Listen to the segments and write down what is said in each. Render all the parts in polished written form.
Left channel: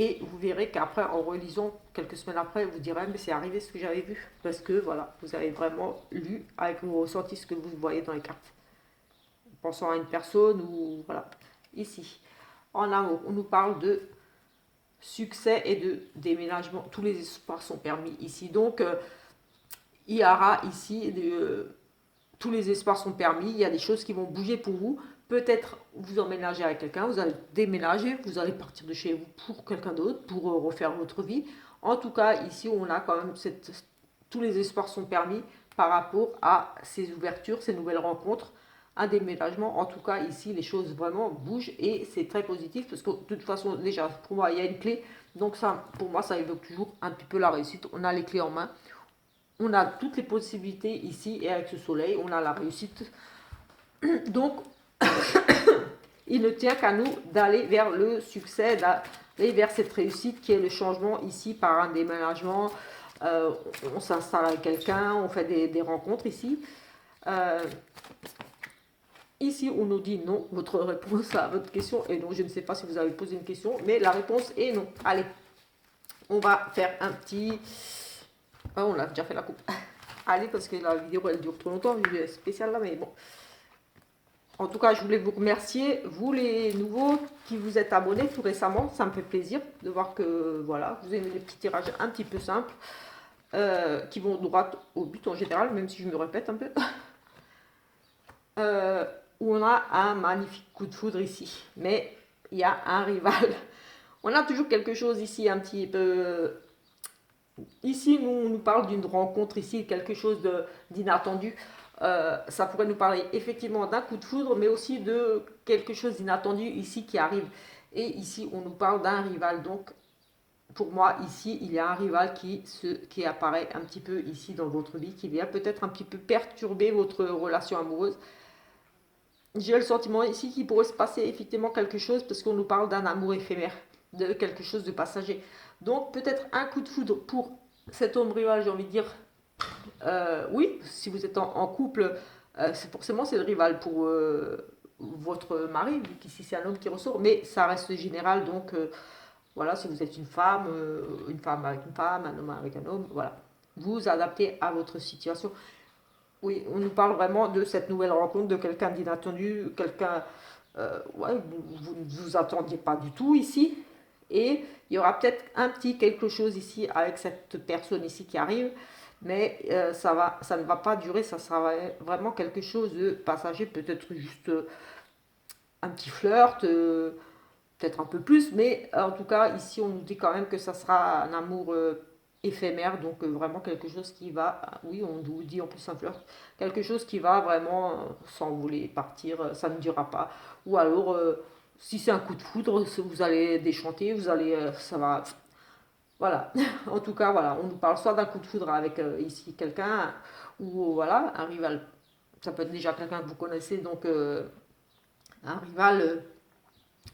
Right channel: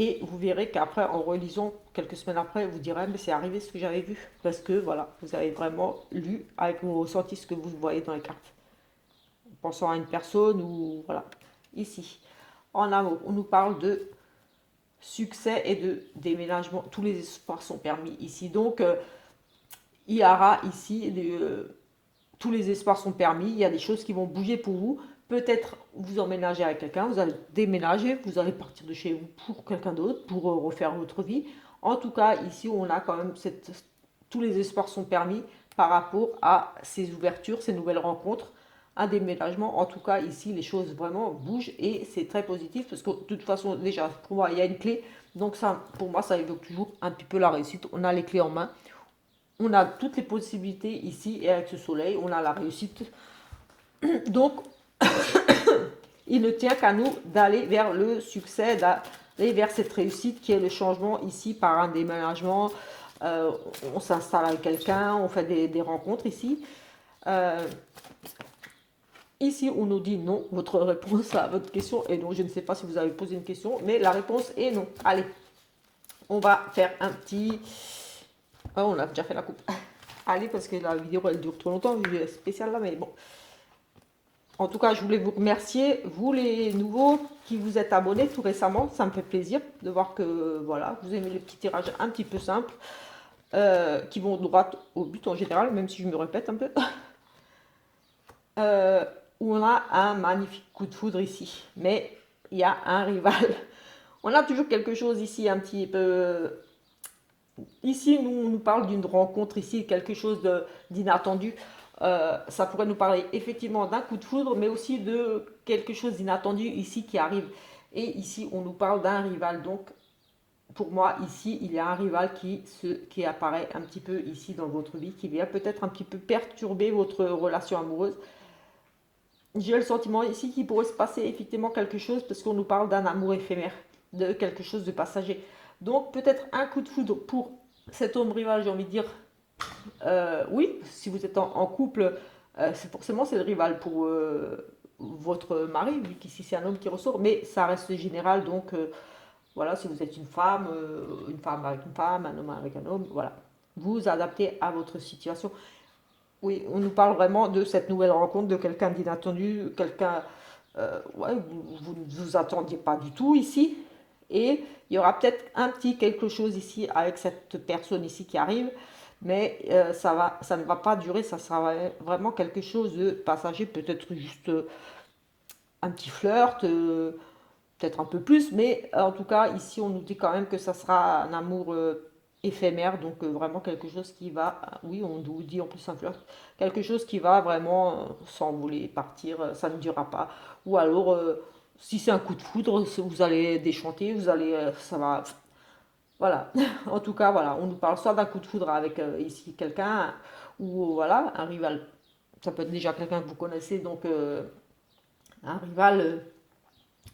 Et vous verrez qu'après, en relisant quelques semaines après, vous direz, mais c'est arrivé ce que j'avais vu. Parce que voilà, vous avez vraiment lu avec vos ressentis ce que vous voyez dans les cartes. Pensant à une personne ou voilà. Ici, en amour, on nous parle de succès et de déménagement. Tous les espoirs sont permis ici. Donc, il y aura ici tous les espoirs sont permis. Il y a des choses qui vont bouger pour vous. Peut-être vous emménagez avec quelqu'un, vous allez déménager, vous allez partir de chez vous pour quelqu'un d'autre, pour refaire votre vie. En tout cas, ici, on a quand même tous les espoirs sont permis par rapport à ces ouvertures, ces nouvelles rencontres, un déménagement. En tout cas, ici, les choses vraiment bougent et c'est très positif parce que de toute façon, déjà, pour moi, il y a une clé. Donc ça, pour moi, ça évoque toujours un petit peu la réussite. On a les clés en main. On a toutes les possibilités ici et avec ce soleil, on a la réussite. Donc, il ne tient qu'à nous d'aller vers le succès, d'aller vers cette réussite qui est le changement ici par un déménagement. Euh, on s'installe avec quelqu'un, on fait des rencontres ici. Euh, Ici, on nous dit non. Votre réponse à votre question est non. Je ne sais pas si vous avez posé une question, mais la réponse est non. Allez, on va faire un petit... Oh, on a déjà fait la coupe. Allez, parce que la vidéo, elle dure trop longtemps, vu spécial là, mais bon. En tout cas, je voulais vous remercier, vous les nouveaux qui vous êtes abonnés tout récemment. Ça me fait plaisir de voir que voilà, vous aimez les petits tirages un petit peu simples, qui vont droit au but en général, même si je me répète un peu. Euh, où on a un magnifique coup de foudre ici. Mais il y a un rival. On a toujours quelque chose ici un petit peu... Ici, on nous parle d'une rencontre ici, quelque chose d'inattendu. Ça pourrait nous parler effectivement d'un coup de foudre, mais aussi de quelque chose d'inattendu ici qui arrive. Et ici, on nous parle d'un rival. Donc, pour moi, ici, il y a un rival qui apparaît un petit peu ici dans votre vie, qui vient peut-être un petit peu perturber votre relation amoureuse. J'ai le sentiment ici qu'il pourrait se passer effectivement quelque chose parce qu'on nous parle d'un amour éphémère, de quelque chose de passager. Donc peut-être un coup de foudre pour cet homme rival, j'ai envie de dire. Oui, si vous êtes en couple, c'est forcément c'est le rival pour votre mari, vu qu'ici c'est un homme qui ressort, mais ça reste général. Donc voilà, si vous êtes une femme avec une femme, un homme avec un homme, voilà. Vous adaptez à votre situation. Oui, on nous parle vraiment de cette nouvelle rencontre, de quelqu'un d'inattendu, quelqu'un ouais, vous ne vous attendiez pas du tout ici. Et il y aura peut-être un petit quelque chose ici avec cette personne ici qui arrive, mais ça ne va pas durer, ça sera vraiment quelque chose de passager, peut-être juste un petit flirt, peut-être un peu plus, mais en tout cas, ici, on nous dit quand même que ça sera un amour éphémère, donc vraiment quelque chose qui va, oui, on nous dit en plus un flirt, quelque chose qui va vraiment s'envoler, partir, ça ne durera pas. Ou alors, si c'est un coup de foudre, vous allez déchanter, vous allez, ça va, voilà. En tout cas, voilà, on nous parle soit d'un coup de foudre avec ici quelqu'un, ou voilà, un rival. Ça peut être déjà quelqu'un que vous connaissez, donc un rival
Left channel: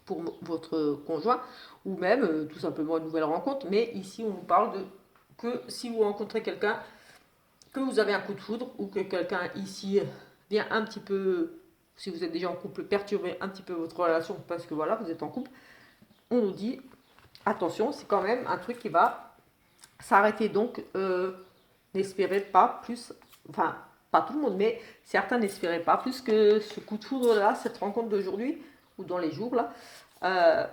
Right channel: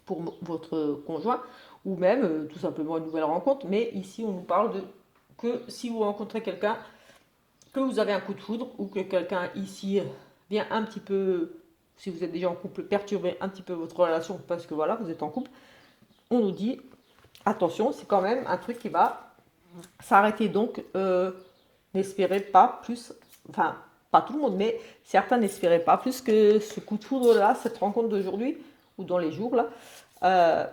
pour votre conjoint, ou même tout simplement une nouvelle rencontre. Mais ici, on nous parle de que si vous rencontrez quelqu'un, que vous avez un coup de foudre, ou que quelqu'un ici vient un petit peu, si vous êtes déjà en couple, perturber un petit peu votre relation parce que voilà, vous êtes en couple, on nous dit attention, c'est quand même un truc qui va s'arrêter. Donc, n'espérez pas plus, enfin, pas tout le monde, mais certains n'espéraient pas plus que ce coup de foudre là, cette rencontre d'aujourd'hui, ou dans les jours là, euh,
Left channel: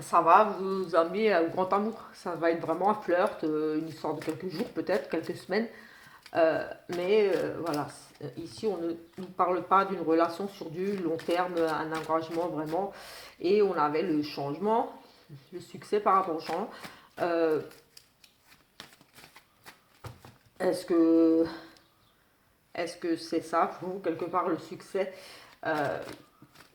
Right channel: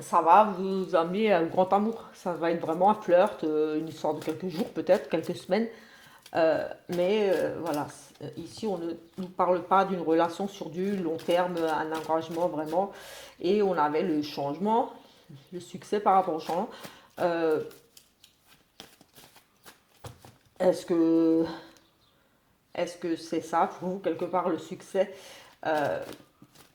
ça va vous amener au grand amour. Ça va être vraiment un flirt, une histoire de quelques jours, peut-être, quelques semaines. Mais voilà, ici, on ne nous parle pas d'une relation sur du long terme, un engagement vraiment. Et on avait le changement, le succès par rapport au changement. Euh, est-ce que est-ce que c'est ça pour vous, quelque part, le succès? Euh,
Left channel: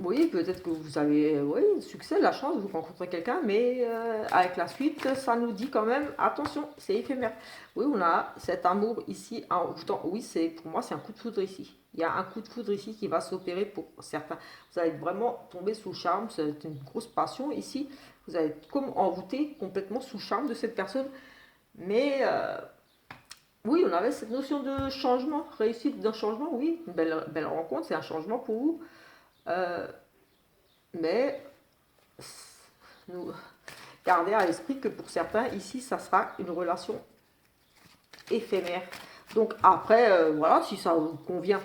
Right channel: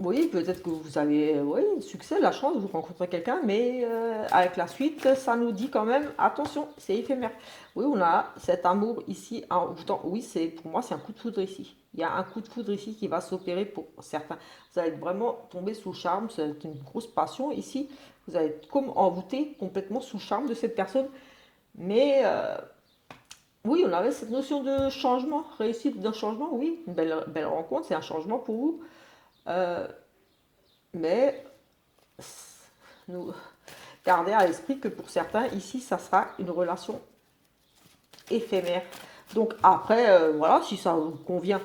Oui, peut-être que vous avez oui, le succès, la chance, vous rencontrez quelqu'un, mais avec la suite, ça nous dit quand même, attention, c'est éphémère. Oui, on a cet amour ici. Oui, pour moi, c'est un coup de foudre ici. Il y a un coup de foudre ici qui va s'opérer pour certains. Vous allez vraiment tomber sous le charme, c'est une grosse passion ici. Vous allez être comme envoûté complètement sous le charme de cette personne. Mais oui, on avait cette notion de changement, réussite d'un changement, oui, une belle rencontre, c'est un changement pour vous. Euh, mais nous, gardez à l'esprit que pour certains, ici, ça sera une relation éphémère. Donc après, voilà, si ça vous convient,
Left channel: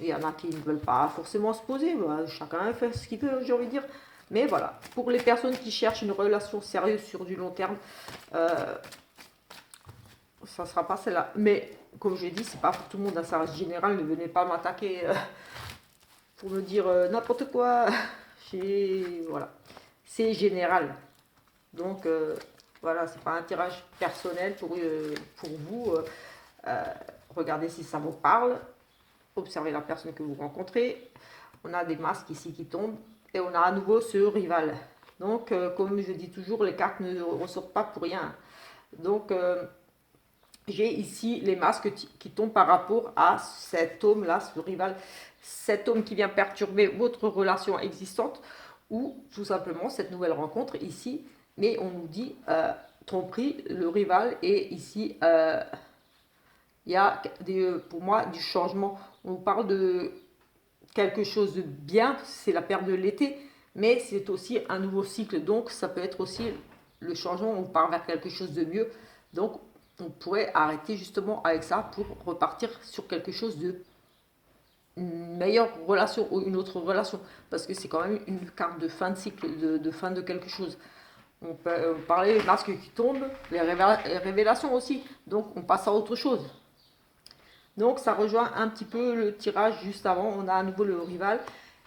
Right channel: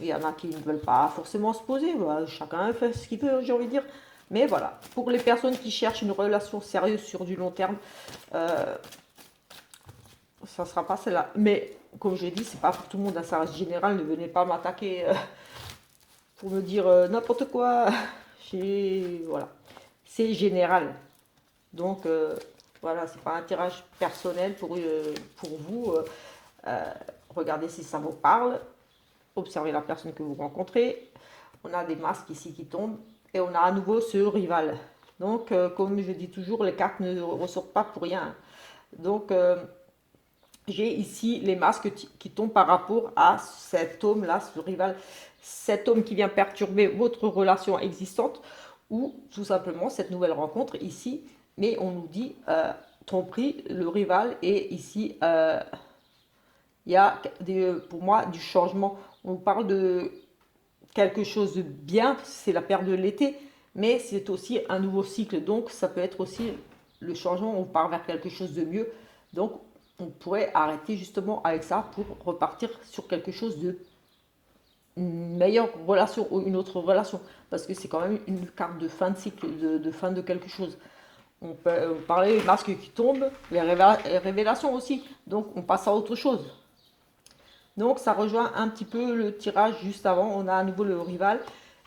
il y en a qui ne veulent pas forcément se poser, bah, chacun fait ce qu'il veut, j'ai envie de dire. Mais voilà, pour les personnes qui cherchent une relation sérieuse sur du long terme, ça ne sera pas celle-là. Mais comme j'ai dit, c'est pas pour tout le monde, hein, ça reste général, ne venez pas m'attaquer pour me dire n'importe quoi. Voilà, c'est général. Donc voilà, c'est pas un tirage personnel pour vous. Regardez si ça vous parle. Observez la personne que vous rencontrez. On a des masques ici qui tombent. Et on a à nouveau ce rival. Donc, comme je dis toujours, les cartes ne ressortent pas pour rien. Donc, j'ai ici les masques qui tombent par rapport à cet homme-là, ce rival. Cet homme qui vient perturber votre relation existante ou tout simplement cette nouvelle rencontre ici. Mais on nous dit tromperie, le rival, et ici, il y a pour moi du changement. On parle de quelque chose de bien, c'est la période de l'été, mais c'est aussi un nouveau cycle. Donc, ça peut être aussi le changement, on part vers quelque chose de mieux. Donc, on pourrait arrêter justement avec ça pour repartir sur quelque chose de une meilleure relation ou une autre relation. Parce que c'est quand même une carte de fin de cycle, de fin de quelque chose. On peut parler des masques qui tombent, les révélations aussi. Donc, on passe à autre chose. Donc ça rejoint un petit peu le tirage juste avant. On a à nouveau le rival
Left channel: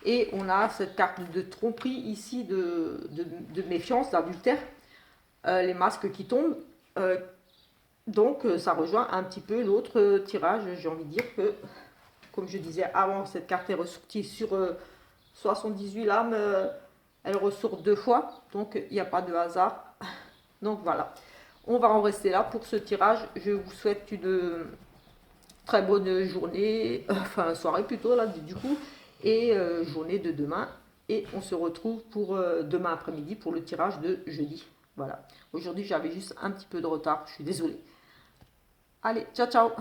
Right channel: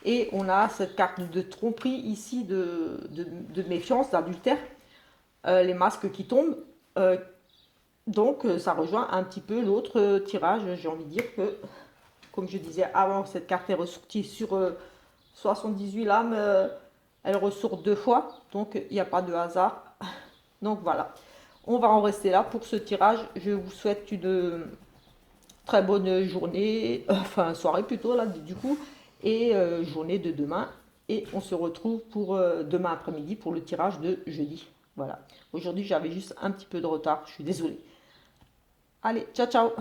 et on a cette carte de tromperie ici, de méfiance, d'adultère. Les masques qui tombent. Donc ça rejoint un petit peu l'autre tirage. J'ai envie de dire que, comme je disais avant, cette carte est ressortie sur 78 lames. Elle ressort 2 fois. Donc il n'y a pas de hasard. Donc voilà. On va en rester là pour ce tirage. Je vous souhaite une très bonne journée, enfin soirée plutôt là du coup, et journée de demain. Et on se retrouve pour demain après-midi pour le tirage de jeudi. Voilà. Aujourd'hui j'avais juste un petit peu de retard, je suis désolée. Allez, ciao ciao.